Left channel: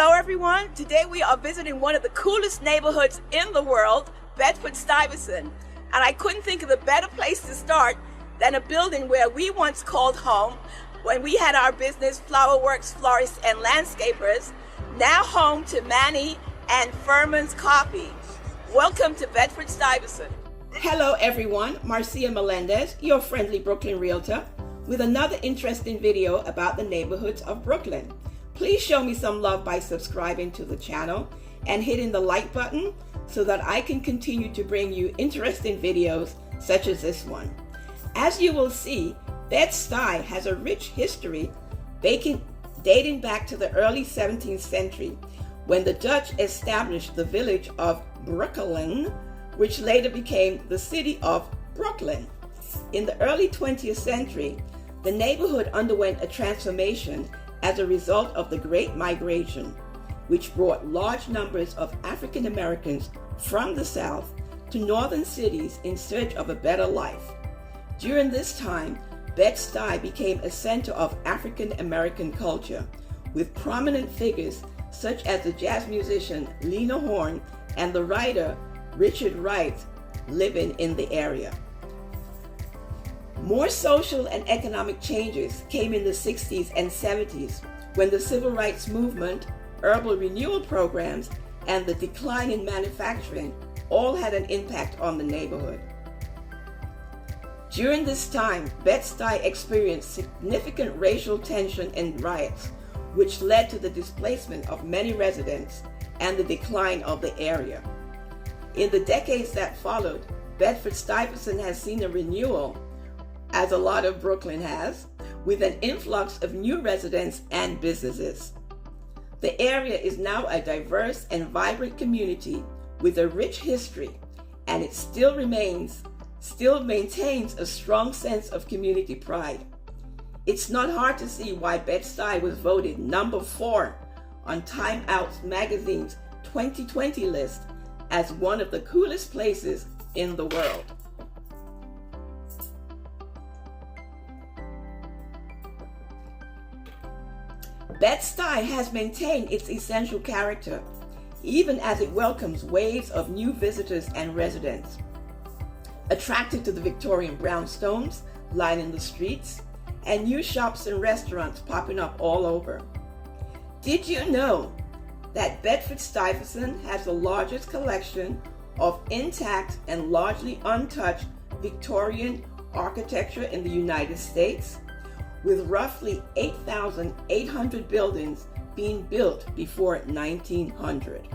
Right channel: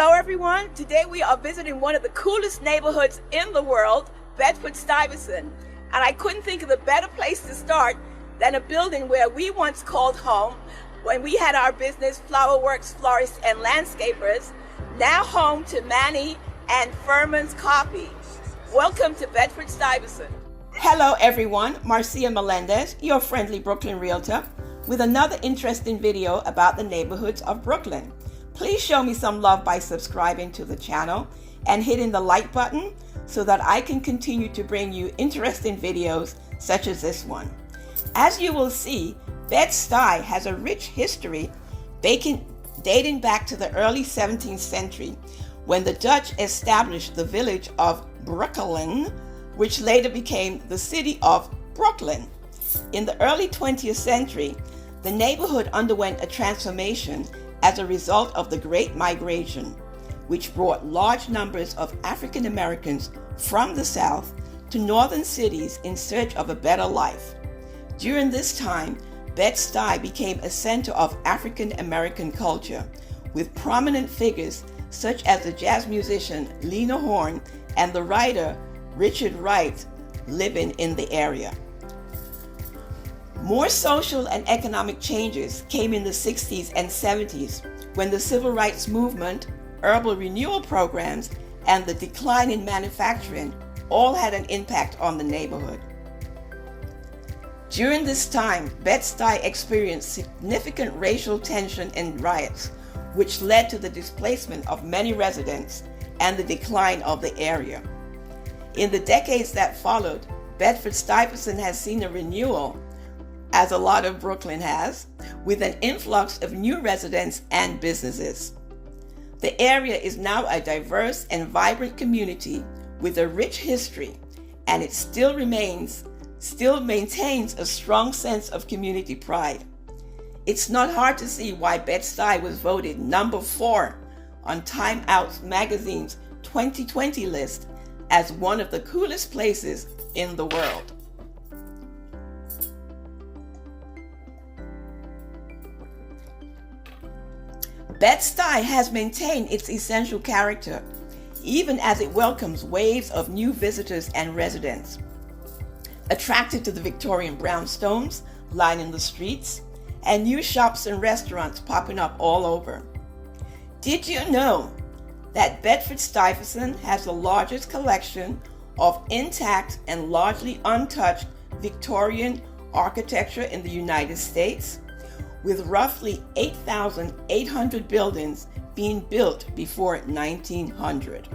Hello everyone, today we are visiting one of the coolest neighborhoods in the world, Bedford Stuyvesant. And I couldn't think of a better place to start than a building where we once called home when we had our business, Flower Works Florists and Landscapers, now home to Manny and Furman's Coffee. Welcome to Bedford Stuyvesant. Hello everyone, Marcia Melendez, your friendly Brooklyn Realtor, with another interesting video about the neighborhoods of Brooklyn. Please show me some love by subscribing to the channel and hitting the like button so that I can continue to bring you interesting videos such as this one. As you will see, Bed-Stuy has a rich history dating back to the early 17th century when the Dutch established the village of Brooklyn, which later became the city of Brooklyn. In the early 20th century, the neighborhood underwent a transformation as a result of the Great Migration, which brought large numbers of African Americans from the South to northern cities in search of a better life. During this time, Bed-Stuy became a center of African American culture, with prominent figures such as the jazz musician Lena Horne and the writer Richard Wright living in the area. More social and economic changes came in the 60s and 70s when the civil rights movement, urban renewal programs, and the decline in manufacturing all had an impact on the neighborhood. During this time, Bed-Stuy experienced significant racial tension and riots, which led to the displacement of many residents and the decline of the area. In the decades that followed, Bedford Stuyvesant has seen a renewal, as a lot of Brooklyn has, with an influx of new residents and businesses. The area is now a diverse and vibrant community with a rich history, and it still maintains a strong sense of community pride. It's not hard to see why Bed-Stuy was voted number 4 on Time Out magazine's 2020 list as one of the coolest places in the world. Bed-Stuy has maintained its essential character, even as it welcomes waves of new visitors and residents. Attracted to the Victorian brownstones lining the streets, and new shops and restaurants popping up all over. Did you know that Bedford Stuyvesant has the largest collection of intact and largely untouched Victorian architecture in the United States, with roughly 8,800 buildings being built before 1900.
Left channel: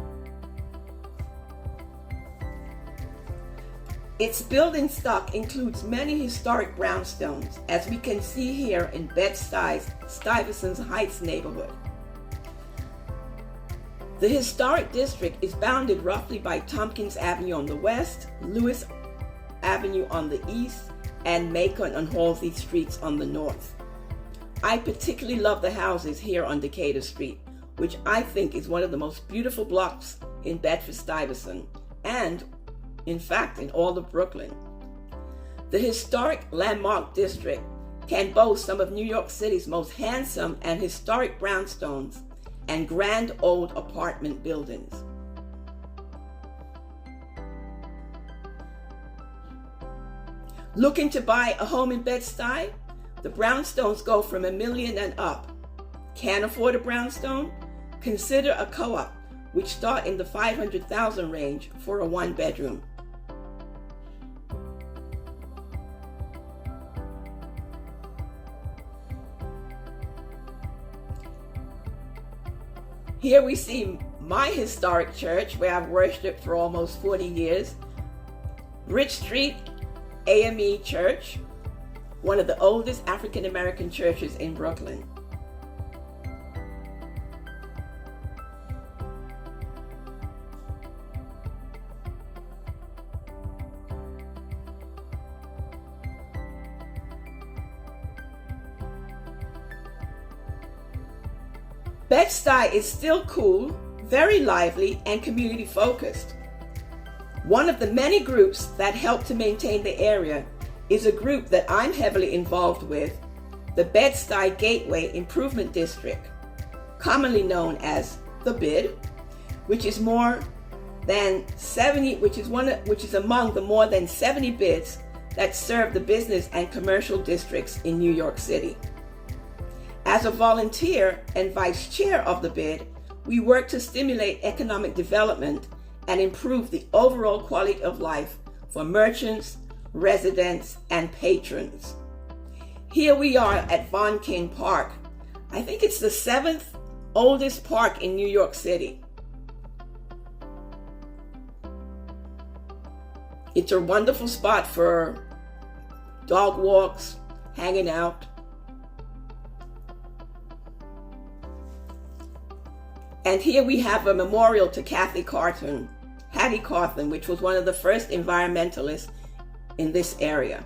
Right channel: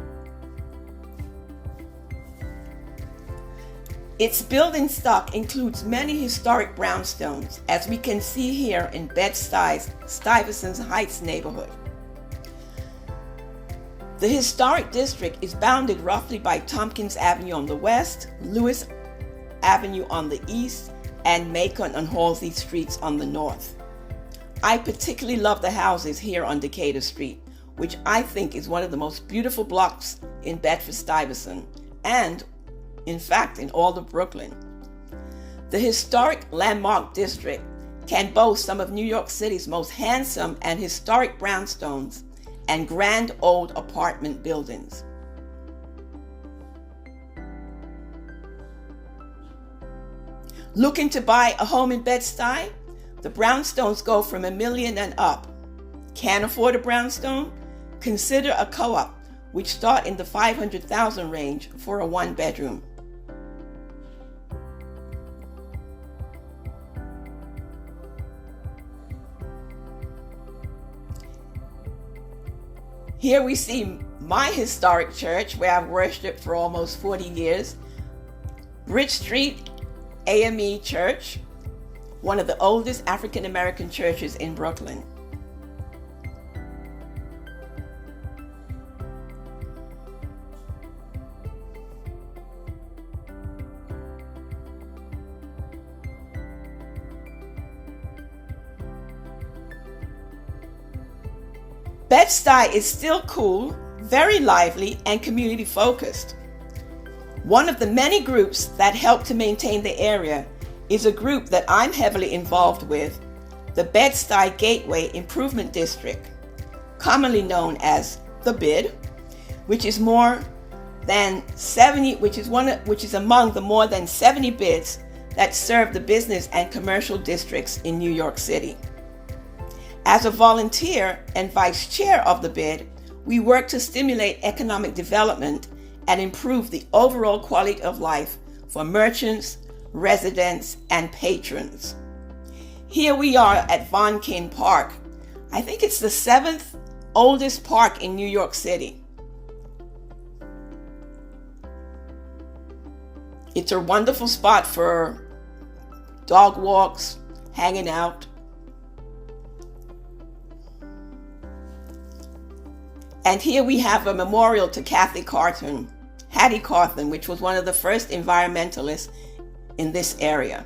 Its building stock includes many historic brownstones, as we can see here in Bed-Stuy's Stuyvesant Heights neighborhood. The historic district is bounded roughly by Tompkins Avenue on the west, Lewis Avenue on the east, and Macon and Halsey Streets on the north. I particularly love the houses here on Decatur Street, which I think is one of the most beautiful blocks in Bedford Stuyvesant, and in fact in all of Brooklyn. The historic Landmark District can boast some of New York City's most handsome and historic brownstones and grand old apartment buildings. Looking to buy a home in Bed-Stuy? The brownstones go from $1 million and up. Can't afford a brownstone? Consider a co-op, which start in the $500,000 range for a one-bedroom. Here we see my historic church where I've worshiped for almost 40 years, Bridge Street AME Church, one of the oldest African American churches in Brooklyn. Bed-Stuy is still cool, very lively, and community focused. One of the many groups that help to maintain the area is a group that I'm heavily involved with, the Bed-Stuy Gateway Improvement District, commonly known as the bid, which is more than 70, which is among the more than 70 bids that serve the business and commercial districts in New York City. As a volunteer and vice chair of the bid, we work to stimulate economic development and improve the overall quality of life for merchants, residents, and patrons. Here we are at Von King Park. I think it's the 7th oldest park in New York City. It's a wonderful spot for dog walks, hanging out. And here we have a memorial to Hattie Carton, which was one of the first environmentalists in this area.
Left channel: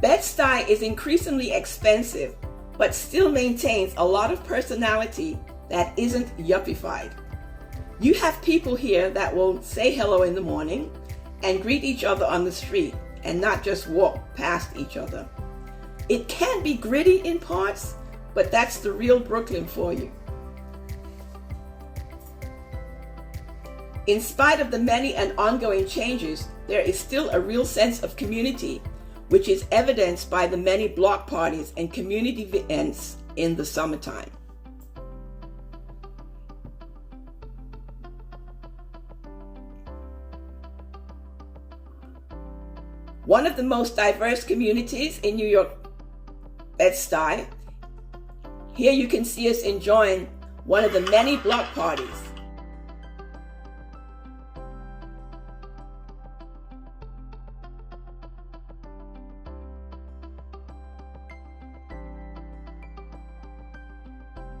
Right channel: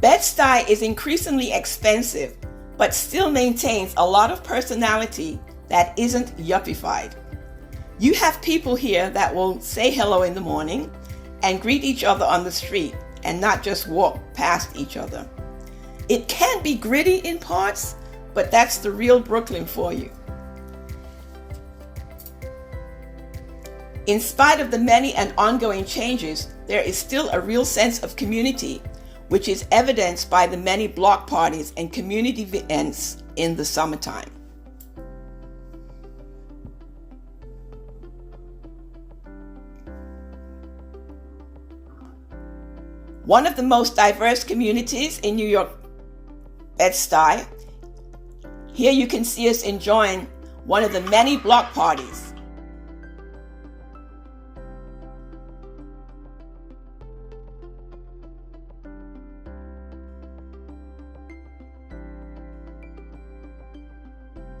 Bed-Stuy is increasingly expensive, but still maintains a lot of personality that isn't yuppified. You have people here that will say hello in the morning and greet each other on the street and not just walk past each other. It can be gritty in parts, but that's the real Brooklyn for you. In spite of the many and ongoing changes, there is still a real sense of community, which is evidenced by the many block parties and community events in the summertime. One of the most diverse communities in New York, Bed-Stuy. Here you can see us enjoying one of the many block parties.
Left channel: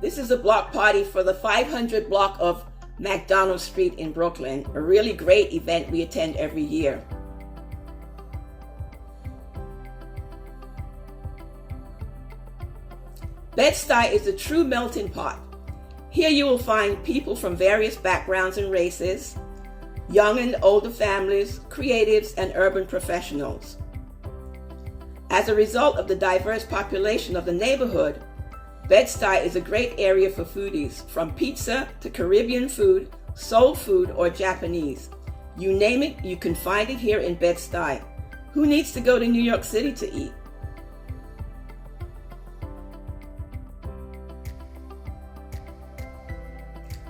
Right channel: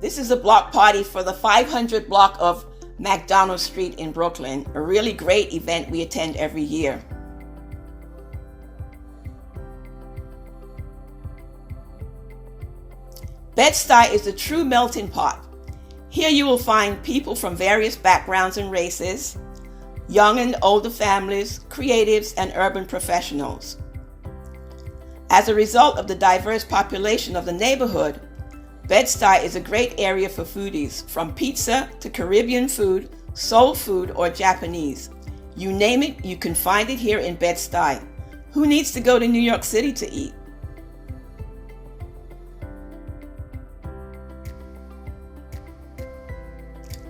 This is a block party for the 500 block of McDonald Street in Brooklyn, a really great event we attend every year. Bed-Stuy is a true melting pot. Here you will find people from various backgrounds and races, young and older families, creatives, and urban professionals. As a result of the diverse population of the neighborhood, Bed-Stuy is a great area for foodies, from pizza to Caribbean food, soul food, or Japanese. You name it, you can find it here in Bed-Stuy. Who needs to go to New York City to eat?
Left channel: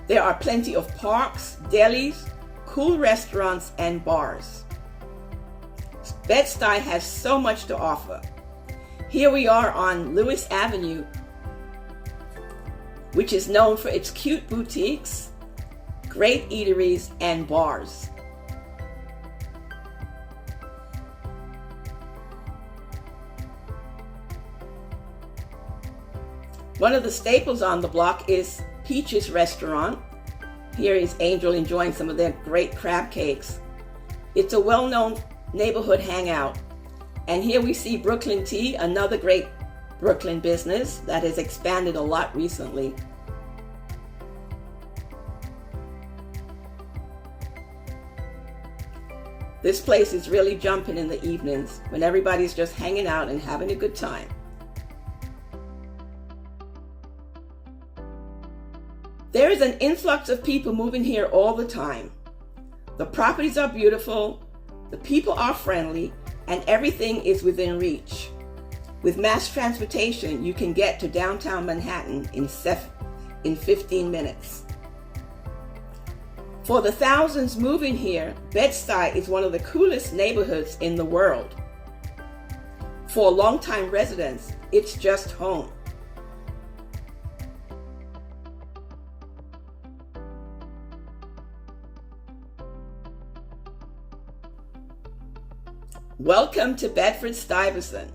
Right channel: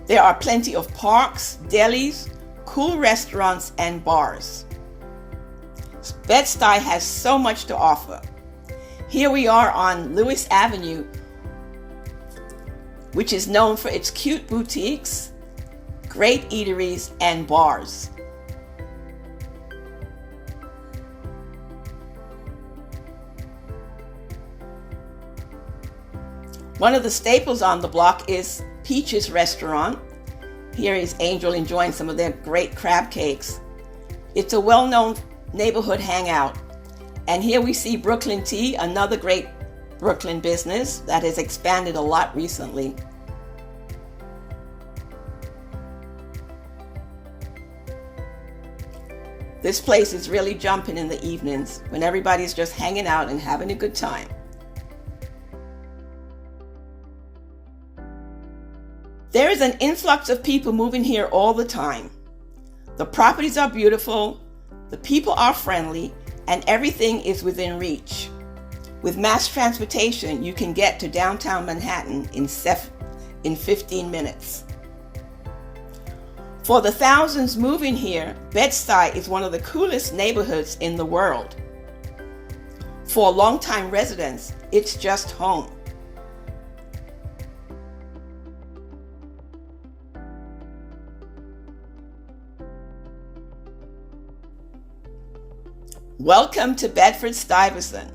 There are plenty of parks, delis, cool restaurants, and bars. Bed-Stuy has so much to offer. Here we are on Lewis Avenue, which is known for its cute boutiques, great eateries, and bars. One of the staples on the block is Peach's Restaurant. Here is Angel enjoying some of their great crab cakes. It's a well-known neighborhood hangout. And here we see Brooklyn Tea, another great Brooklyn business that has expanded a lot recently. This place is really jumping in the evenings when everybody's just hanging out and having a good time. There is an influx of people moving here all the time. The properties are beautiful, the people are friendly, and everything is within reach. With mass transportation, you can get to downtown Manhattan in 15 minutes. For the thousands moving here, Bed-Stuy is one of the coolest neighborhoods in the world. For longtime residents, it's just home. Welcome to Bedford Stuyvesant.